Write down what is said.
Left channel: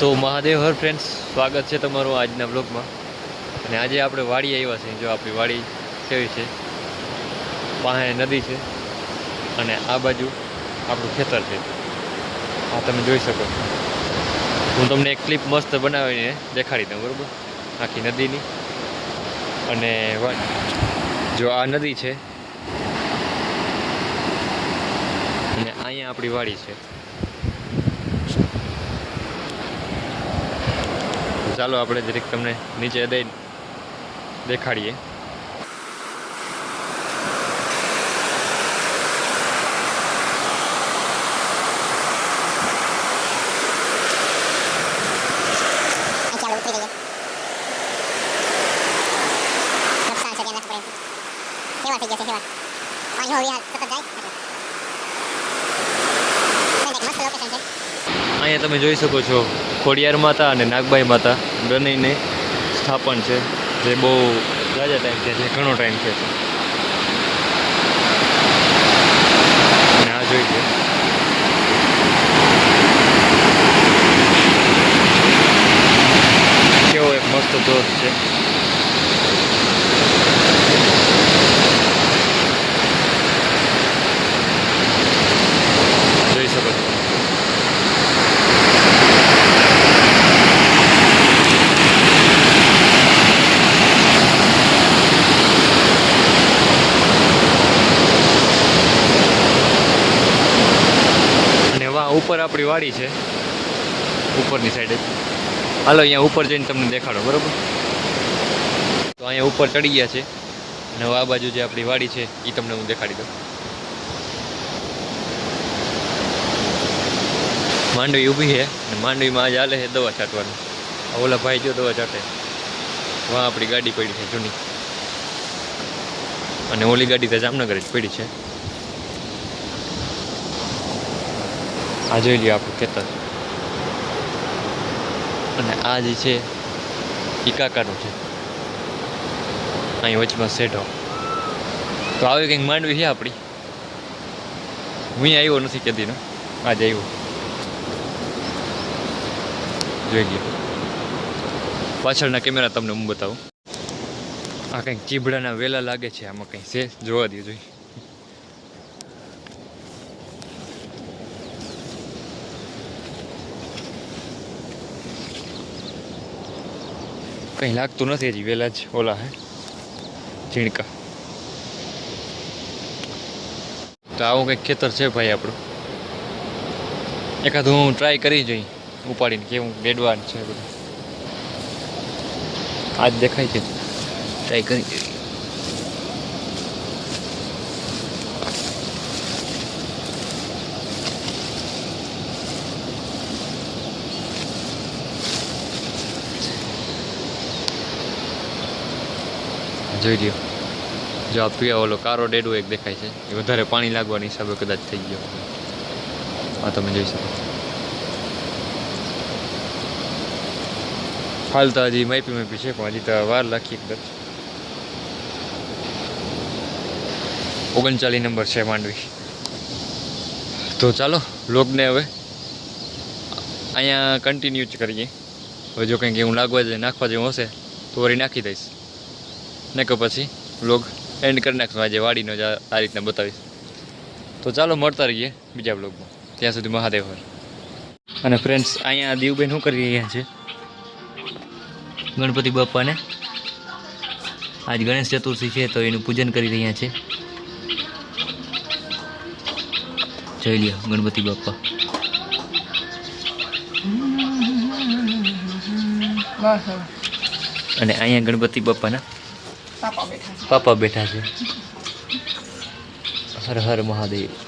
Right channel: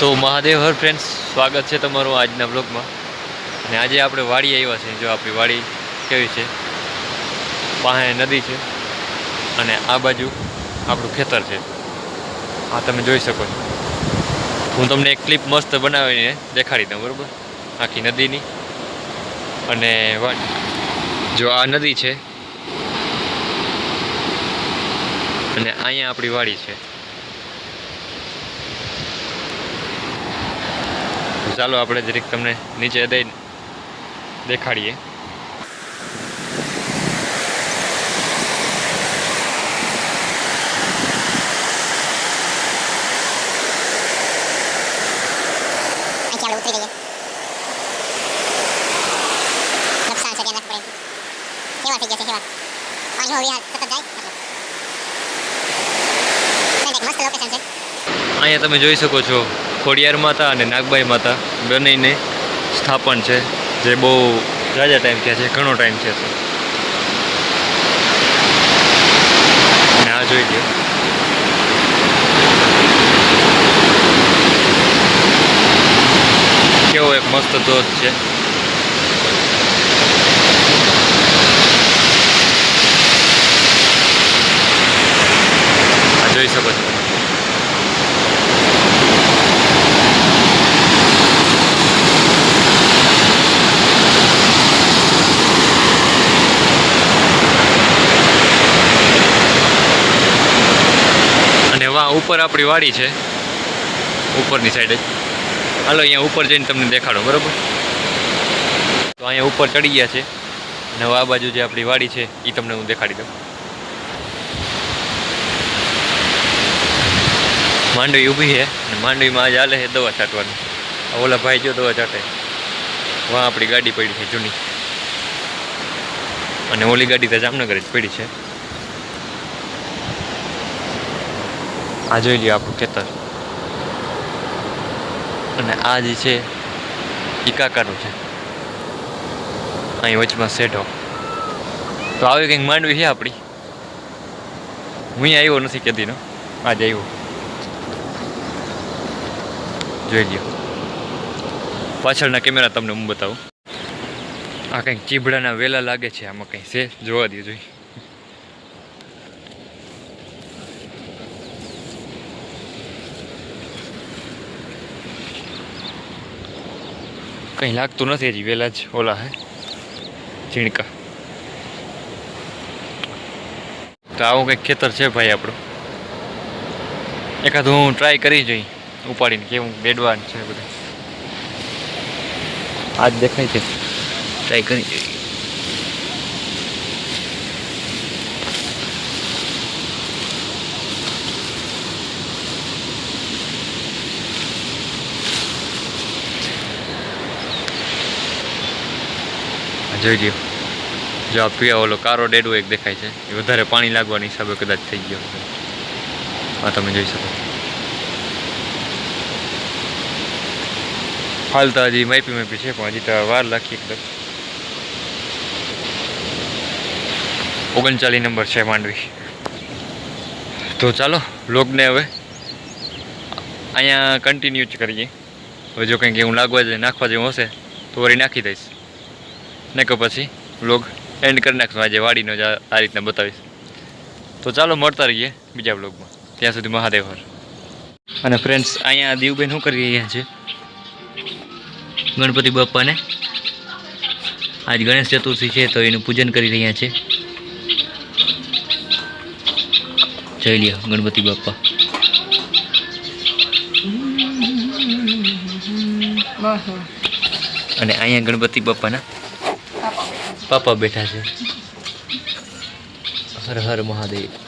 તો Mahadev her friends સ્વાગત છે તમારું આજના બ્લોગમાં અને આજે આપણે વાડી આવ્યા છીએ. જો આપણી વાડી કેવી છે? પાસે નદી છે. અને આ બાજુ આપણું ખેતર છે. આ તમે જોઈ શકો છો. હું તમને એક ક્લિપ મસ્ત બનાવીને દેખાડી દઉં, બરાબર? આખી નદીની. અને જો આ નદી છે. અને અહીંયા આપણી વાડી છે. ચાલો આપણે જરીક તમને નીચે દઈ દેખાડીએ. અહીંયા તમે જોઈ શકો છો ખોડિયાર માતા અને નાગબાઈ માતા બંનેને સ્થાપન છે, જે બહુ રાજા ટાઈમ થયા છે, ઘણો ટાઈમ કહે છે. અને આ જોઈ લો કેવો એક મસ્ત ધોધ છે. આ જોઈ શકો છો. અને ઉપર આપણી વાડી છે. ઉપરની સાઈડે હાલો, અહીંયા ઉપર જઈને તમને દેખાડો, બરાબર? તો અહીંયા ઉપર ચડી ગયા છે. અને આ બાજુ જે આપણી વાડી છે એ તમને હું દેખાડી દઉં. માંડવી ઊભી છે, અને માંડવીમાં આજે હાલે છે દવા છાંટવાનું. ઓલા ભાઈ જો દવા છાંટે. વાં આપણી ગાડી પડી છે જૂની. અને ઓલી ગાડી તો જામનગર જ પડી છે. આ જોઈ લ્યો આપણું ખેતર. અને આ જે છે એ કાકાનું છે. અહીં વચમાં શેઢો. તો આવી કંઈક માંડવી છે આપણી. હું આવ્યો નથી કેદીનો આજે આવ્યો. જોઈ લ્યો. પાછળના કેમેરા તમને હું બતાવું. આ કંઈક ચીભડાના વેલા લાગે છે, આમાં કંઈ છે? જોવા દે જોઈ. કંઈ લાગતું નથી હજી, વેલા જ ઓલા હે, ઝીણકા. તો આવું કંઈક ખેતર છે ભાઈ આપણું. એકાદ હું ટ્રાય કરી જોઈ, ઉપાડીને કેવું બેડવાન છે બધું. આજ દેખાય છે. ટ્રાય કરી જોઈ. જોઈ લ્યો. જો આ પીવા ઓલો કારો ડેડો એક દેખાય છે. એ વધારે પાણી લાગવાની હિસાબે કદાચ થઈ ગયો. આ તમે જોઈ શકો છો. હાલ તો હજી માપી માપી છે, પણ હજી તો વાર લાખી કદાચ ઓગણચાલીસ નંબર છે માંડવી. તો ચાલો, લોગને હવે અહીંયા કન્ટિન્યુ જ કરીએ. હવે જો કંઈક એવું લાગવા જાય નાખવા જેવું હશે, તો વળી નાખી દઈશ. ને કે પછી વ્લોગ એન્ડ કરી નાખશું. આજે વાડીનો જ આ રીતના બતાવીશ. તો ચાલો મળતા રહીએ બીજા વ્લોગમાં ત્યાં સુધી મહાદેવ હર. અને ફ્રેન્ડ્સ અહીંયા દીવબેન શું કરી રહ્યા છે? ગણપતિ બાપાને આજ ગણેશ ચતુર્થી છે તો એનું પૂજન કરી રહ્યા છે. જઈ લ્યો ગણપતિ બાપા અને અહીંયા ગણપતિ બાપાના પાપા બેઠા છે હર હર મહાદેવ